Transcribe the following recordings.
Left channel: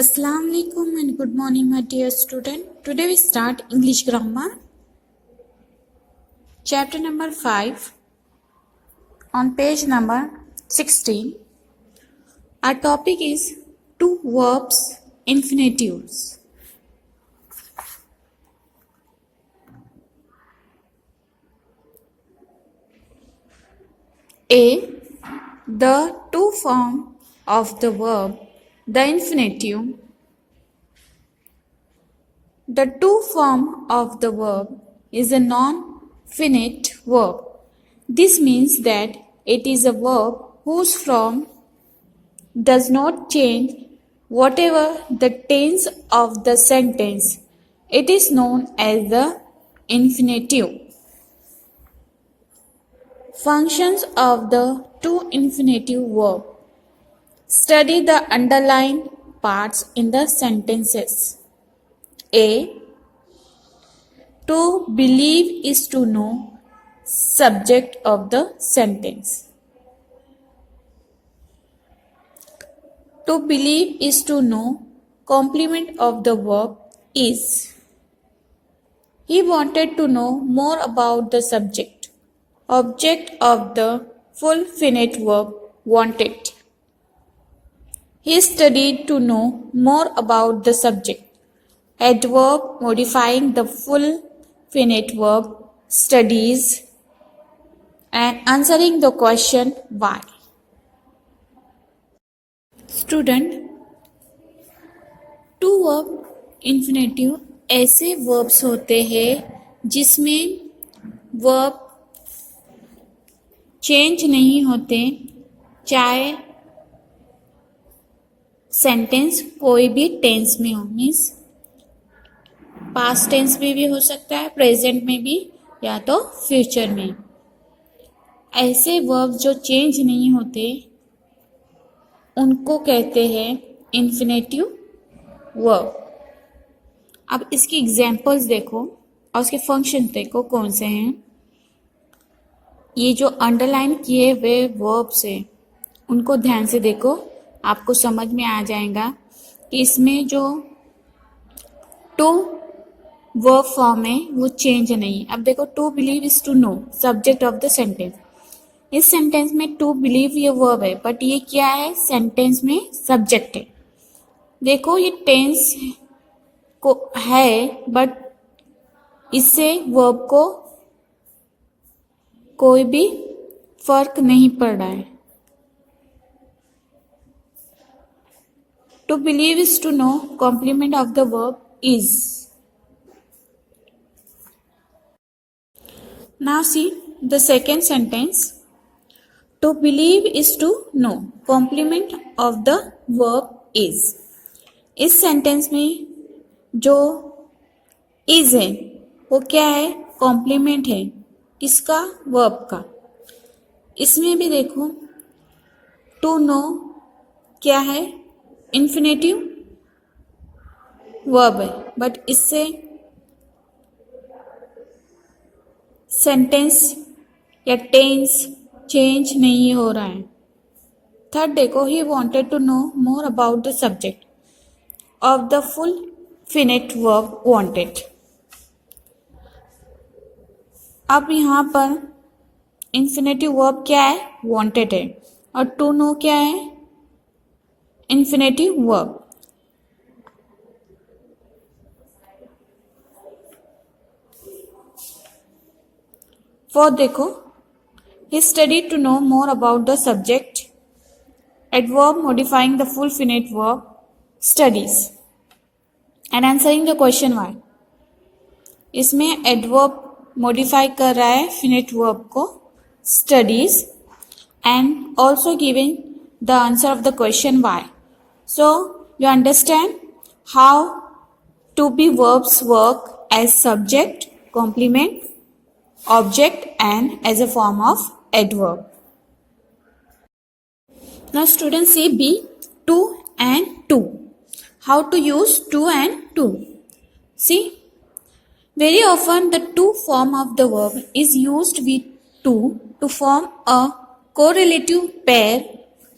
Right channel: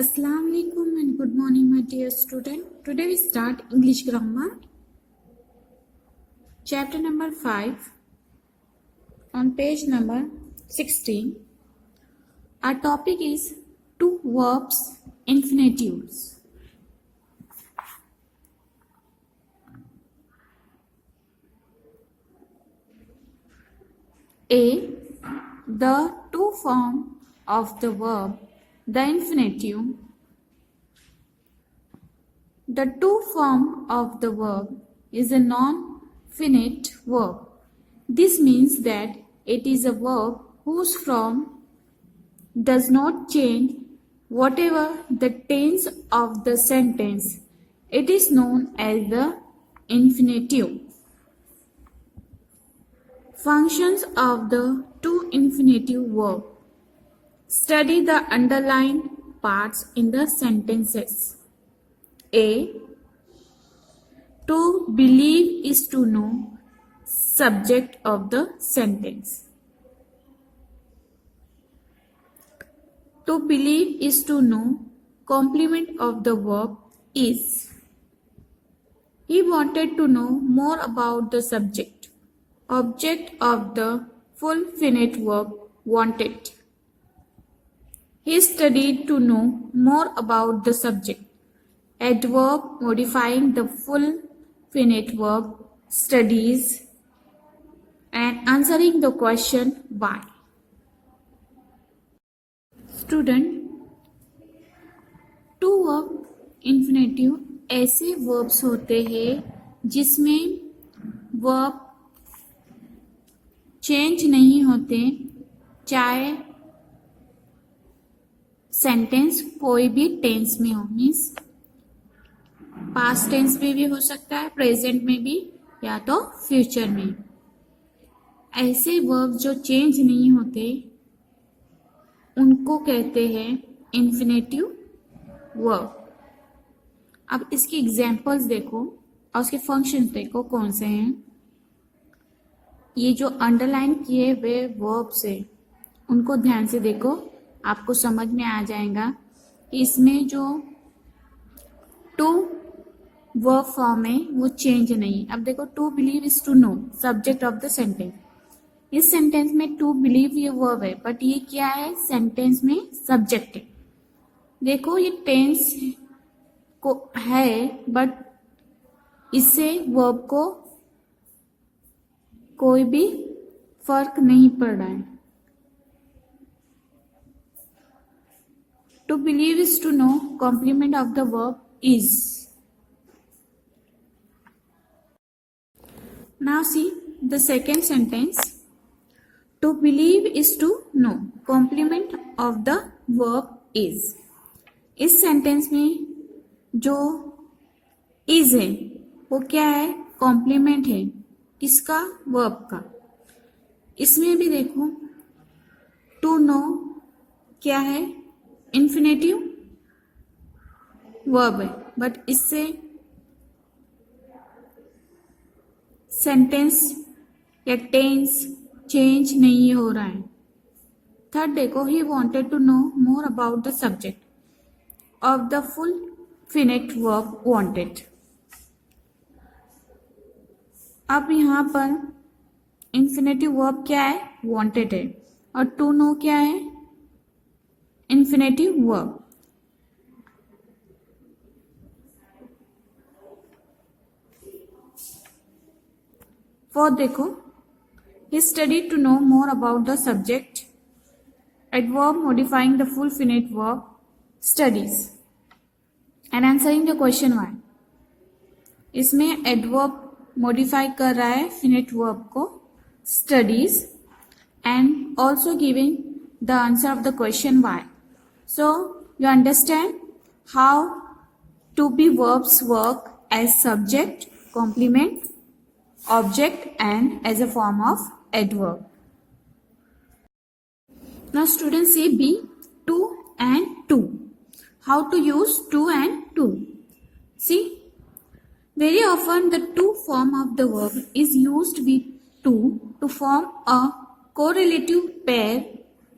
Assalamu alaikum and good morning, my dear student. Today we start English grammar, chapter number 5, on page number 16. Our topic is two verbs, infinitives. A. The two form of the verb, the infinitive. The two form of the verb is a non-finite verb. This means that it is a verb whose form does not change whatever the tense of the sentence. It is known as the infinitive. Functions of the two infinitive verb. Study the underlined parts in the sentences. A. To believe is to know, subject of the sentence. To believe is to know, complement of the verb is. He wanted to know more about the subject, object of the full finite verb wanted. He studied to know more about the subject. Adverb modifying the full finite verb studies and answering the question why. Student, to verb infinitive ऐसे verbs होते हैं जिसमें verb change नहीं होते, चाहे sentence कोई भी tense में हो, मीन्स पास्ट टेंस में भी हो सकता है, प्रेजेंट में भी, या तो फ्यूचर में. ऐसे वर्ब जो चेंज नहीं होते उनको कहते हैं इन्फिनेटिव वर्ब. अब इसकी एग्जांपल्स देखो और उसके फंक्शंस देखो कौन से हैं. ये जो अंडरलाइन किए हुए वर्ब्स हैं उनको ध्यान से देखो, आपको समझ में आ जाएगा कि इसमें जो टू वर्ब फॉर्म है वो चेंज नहीं. अब देखो, to believe is to know, subject of the sentence. इस सेंटेंस में टू बिलीव ये वर्ब है, बट ये क्या है, सेंटेंस में सब्जेक्ट है. देखो ये टेंस को है, बट इससे वर्ब को कोई भी फर्क नहीं पड़ रहा है. To believe is to know, complement of the verb is. Now see the second sentence. To believe is to know, complement of the verb is. इस सेंटेंस में जो is है वो क्या है, कॉम्प्लीमेंट है. किसका, वर्ब का. इसमें भी देखो टू नो क्या है, इन्फिनेटिव वर्ब है, बट इससे सेंटेंस या टेंस चेंज नहीं हो रहा है. थर्ड देखो, he wanted to know more about the subject of the full finite verb wanted. अब यहाँ पर इन्फिनेटिव वर्ब क्या है, वॉन्टेड है, और टू नो क्या है, इन्फिनेटिव वर्ब. फोर्थ देखो, he studied to know more about the subject. Adverb modifying the full finite verb studies and answering the question why. इसमें adverb modify कर रहा है finite verb को, studies, and also giving the answer of the question why. So you understand how to be verbs work as subject, complement, object and as a form of adverb. Now students see B, to and to. How to use to and to. See, very often the to form of the verb is used with to form a correlative pair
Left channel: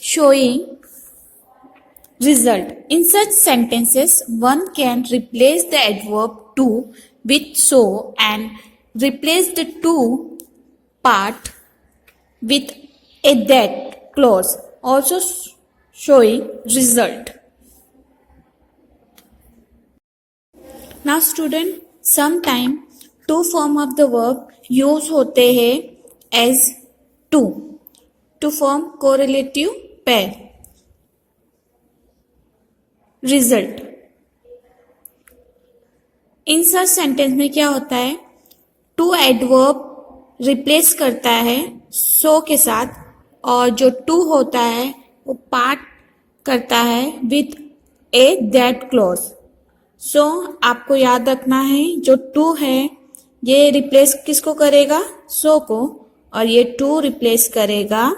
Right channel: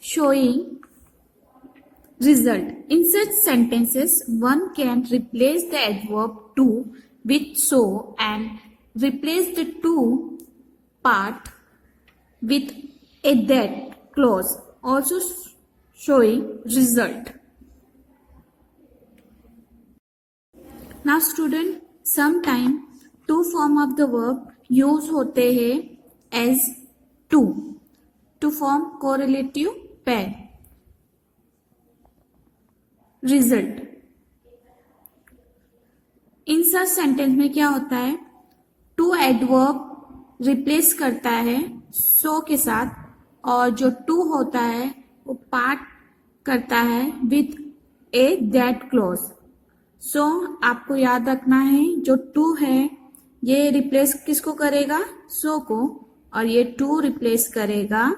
showing result. In such sentences, one can replace the adverb to with so and replace the to part with a that clause, also showing result. Now student, sometime two form of the verb use होते हैं as to form correlative pair. Result. In such sentence में क्या होता है, to adverb replace करता है सो के साथ और जो टू होता है वो पार्ट करता है विथ ए दैट क्लॉज. सो आपको याद रखना है जो टू है ये रिप्लेस किसको करेगा, सो को, और ये टू रिप्लेस करेगा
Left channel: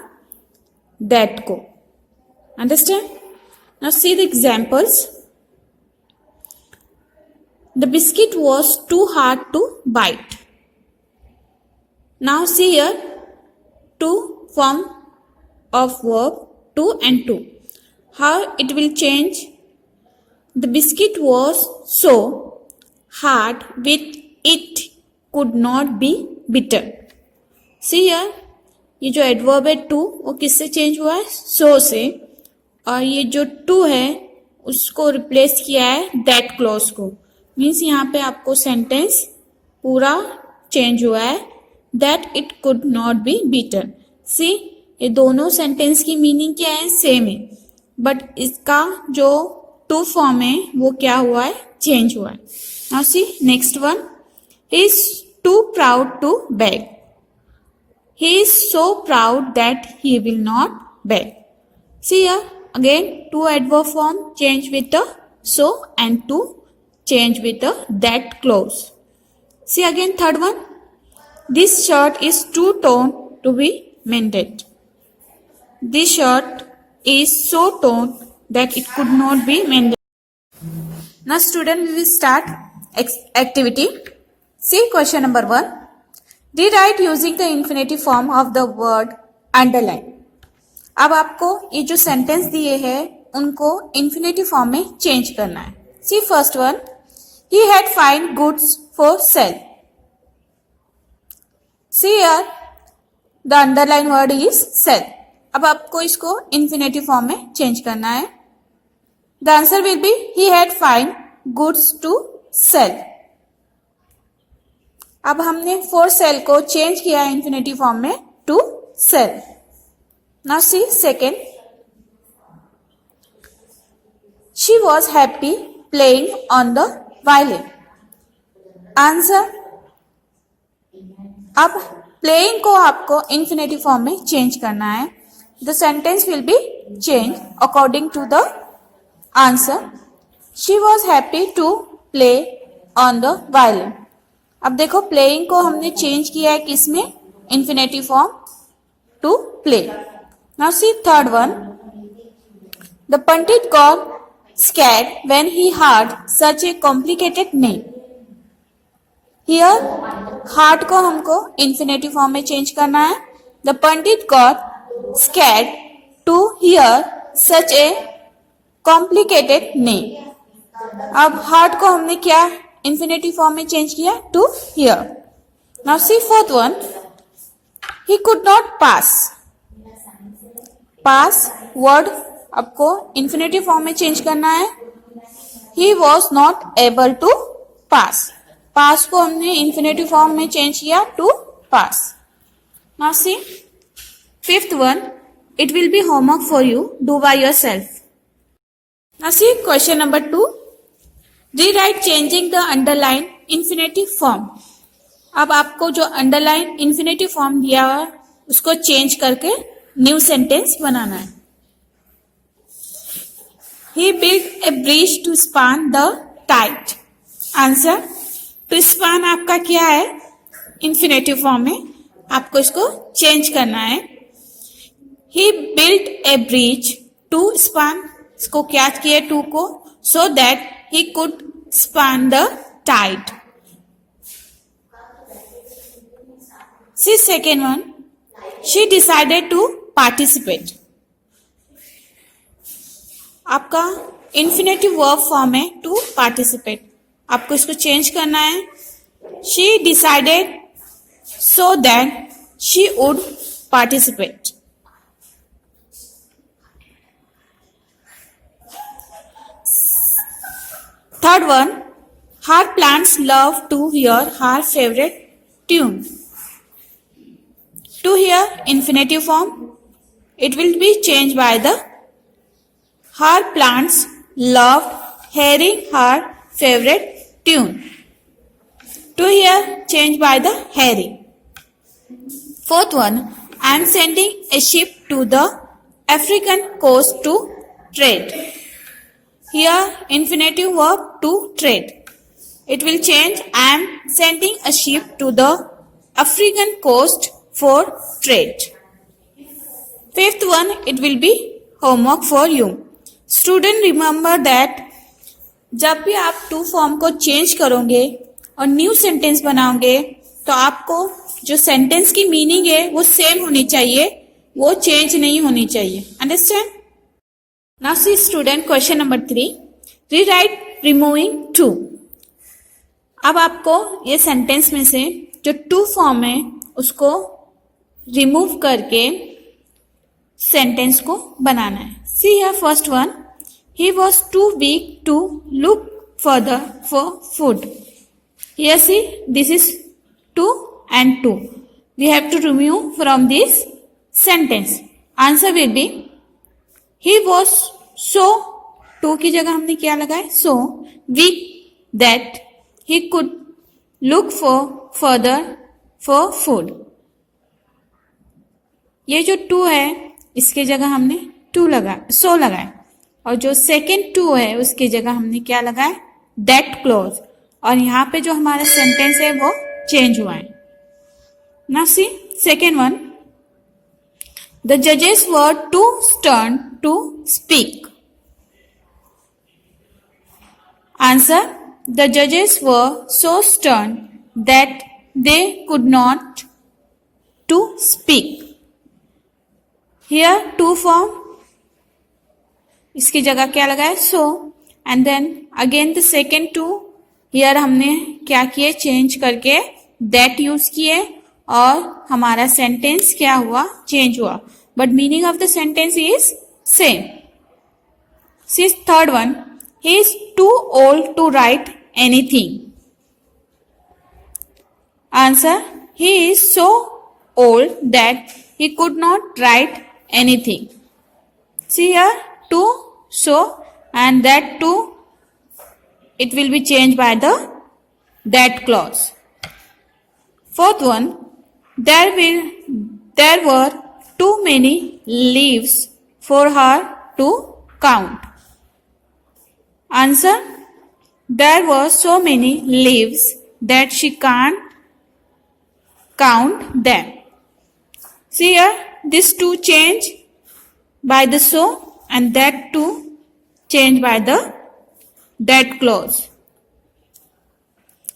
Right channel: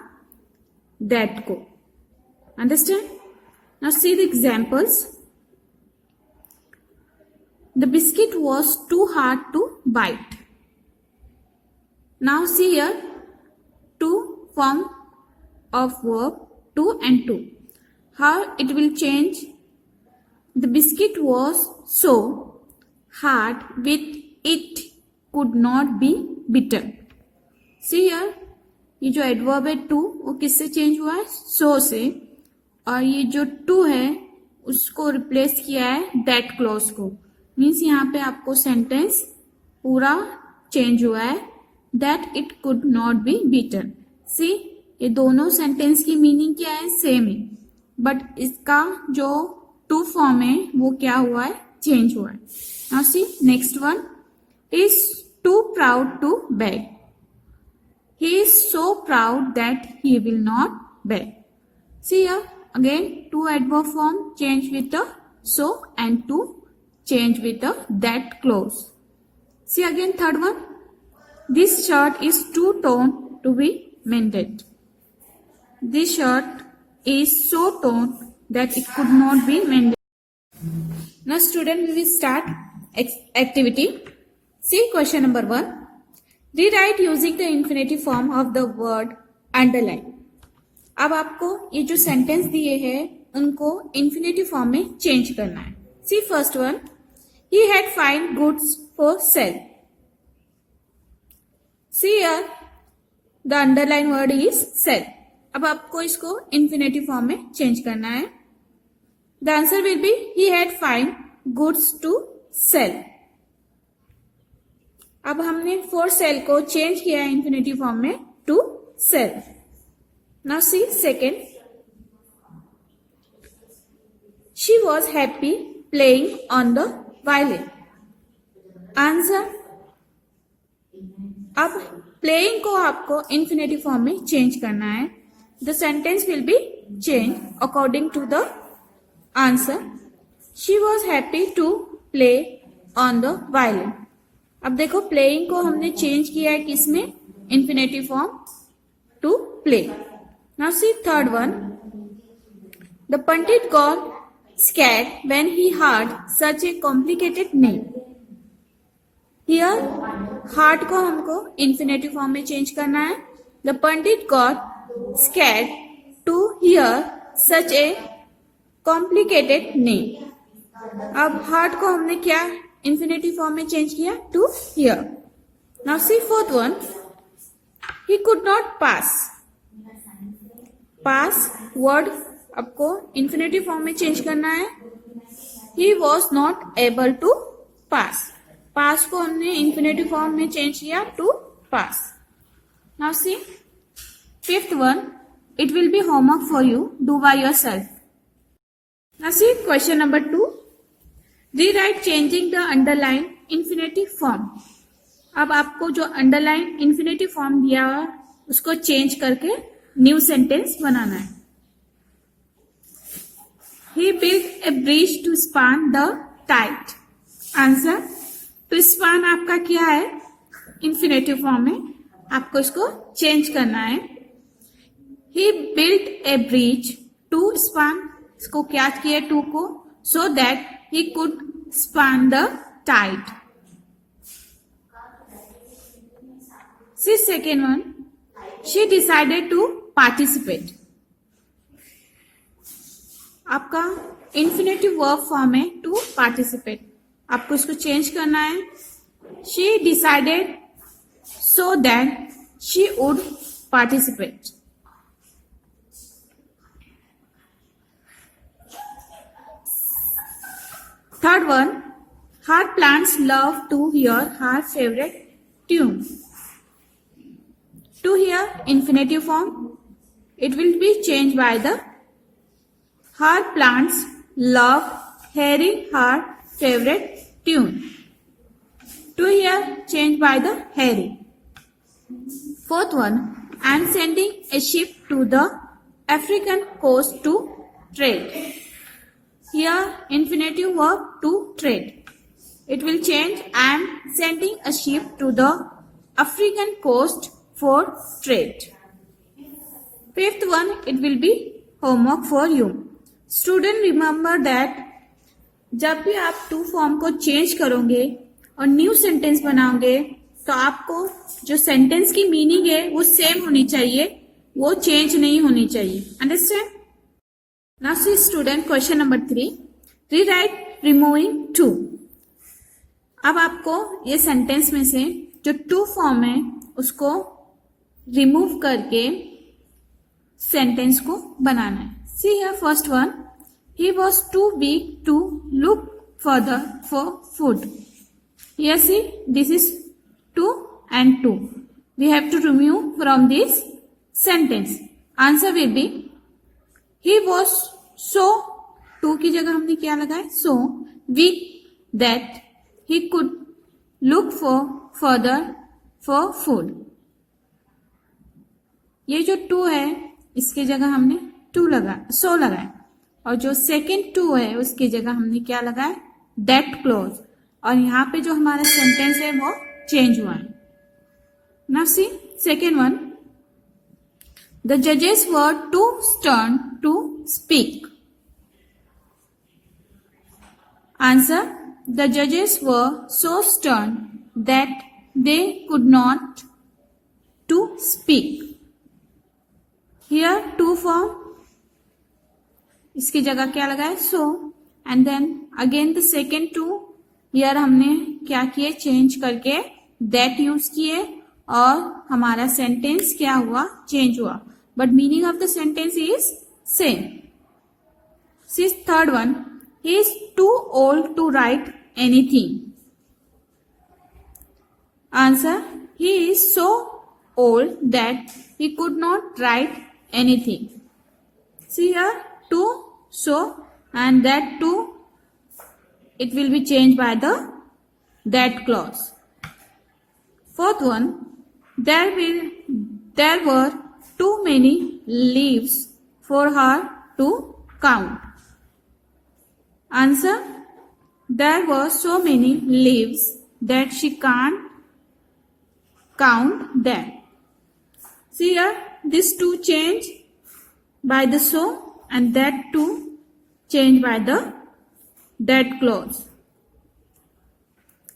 दैट को. Understand? Now see the examples. The biscuit was too hard to bite. Now see here two form of verb to and to. How it will change? The biscuit was so hard with it could not be bitten. See here, ये जो adverb है to वो किससे change हुआ है, so से, और ये जो to है उसको रिप्लेस किया है that clause को. मीन्स यहाँ पे आपको सेंटेंस पूरा चेंज हुआ है, that it could not be beaten. See ये दोनों सेंटेंस की मीनिंग क्या है, सेम है, बट इसका जो टू फॉर्म है वो क्या हुआ है, चेंज हुआ है. Now see next one. He is too proud to beg. He is so proud that he will not beg. See here again to adverb form change with the so and to change with the that clause. See again third one. This shirt is too torn to be mended. This shirt is so torn that it could not be mended. Now student, we will start activity. See question number 1. Rewrite using the infinitive form of the word underline. अब आपको ये जो sentence दिए हैं उनको infinitive form में change करना है. See first one. He had fine goods for sale. See here, the underlined word is sell. अब आपको इसको infinitive form में चेंज करना है. The answer will be he had fine goods to sell. अब हमने for sale को change किया है infinitive form में to sell. Now see second. She was happy playing on the violin. Answer. अब प्लेइंग को आपको इंफिनिटिव फॉर्म में चेंज करना है. The sentence will be change according to the answer. She was happy to play on the violin. अब देखो playing को हमने चेंज किया है किसमें, infinitive form to play. Now see third one. The pandit got scared when he heard such a complicated name. Here heard को हमको infinitive form में change करना है. The pandit got scared to hear such a complicated name. अब heard को हमने क्या infinitive form में change किया, to hear. Now see fourth one. He could not pass. Pass word आपको इंफिनिटिव फॉर्म में चेंज करना है. He was not able to pass. Pass को हमने इंफिनिटिव फॉर्म में चेंज किया to pass. Now see fifth one. It will be homework for you, do by yourself. Now see question number 2. Rewrite changing the underline infinitive form. अब आपको जो underline infinitive form दिया हुआ उसको change करके new sentence बनाना है. He built a bridge to span the tide. Answer. to span आपका क्या है, इंफिनिटिव फॉर्म में, आपको इसको चेंज करना है. He built a bridge to span, इसको क्या किया टू को, so that he could span the tide. See second one. She decided to participate. आपका इन्फिनेटिव वर्ब फॉर्म है टू पार्टिसिपेट, आपको इसको चेंज करना है। She decided so that she would participate. Third one, her plants love to hear her favorite tune. To hear infinitive form, it will be changed by the her plants love hearing her favorite tune. To hear changed by the hearing. Fourth one, I am sending a ship to the African coast to trade. Here infinitive verb to trade. It will change. I am sending a ship to the African coast for trade. Fifth one, it will be homework for you. Student, remember that जब भी आप to form को change करोगे और new sentence बनाओगे तो आपको जो सेंटेंस की मीनिंग है वो सेम होनी चाहिए, वो चेंज नहीं होनी चाहिए। Understand? Now see student, question number 3, rewrite removing to. अब आपको ये सेंटेंस में से जो टू फॉर्म है उसको रिमूव करके सेंटेंस को बनाना है। See here first one, he was too weak to look further for food. Here see this is too and to, we have to remove from this sentence. Answer will be he was so, to की जगह हमने क्या लगाया, so weak that he could look for further for food. ये जो to है इसके जगह हमने टू सो लगाया, और जो सेकेंड टू है उसकी जगह हमने क्या लगाया, दैट क्लॉज, और यहाँ पे जो हमारा सेंटेंस है वो चेंज हुआ है। Now see second one, the जजेस were too stern to speak. Answer, the judges were so stern that they could not to speak. Here to form, इसकी जगह क्या लगाए, so, and then again the second two, here हमने क्या किए, change करके that use किए और हमारा सेंटेंस क्या हुआ, चेंज हुआ, but meaning of the sentence is same. See third one, he is too old to write anything. Answer, he is so old that he could not write anything. See here, to, so, and that to, it will be changed by the that clause. Fourth one, there were too many leaves for her to count. Answer, there were so many leaves that she can't count them. See here, this two change by the so and that two change by the that clause.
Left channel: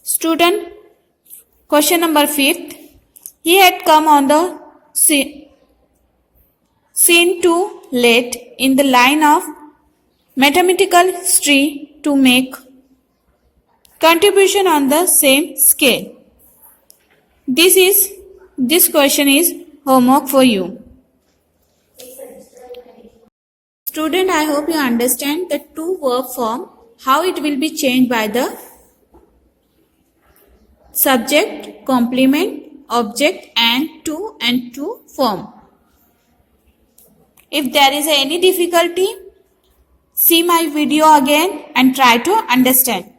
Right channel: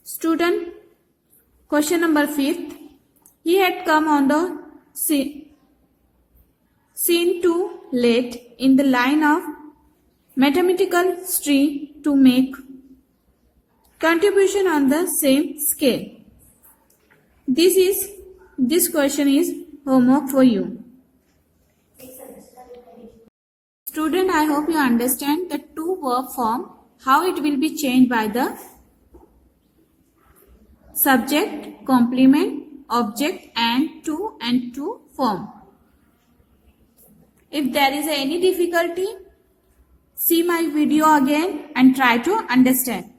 Student, question number 5th, he had come on the scene too late in the line of mathematical tree to make contribution on the same scale. This question is homework for you. Student, I hope you understand the two verb form, how it will be changed by the subject, complement, object and to form. If there is any difficulty, see my video again and try to understand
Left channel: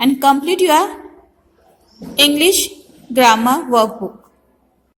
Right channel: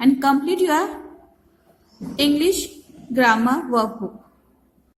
and complete your English grammar workbook.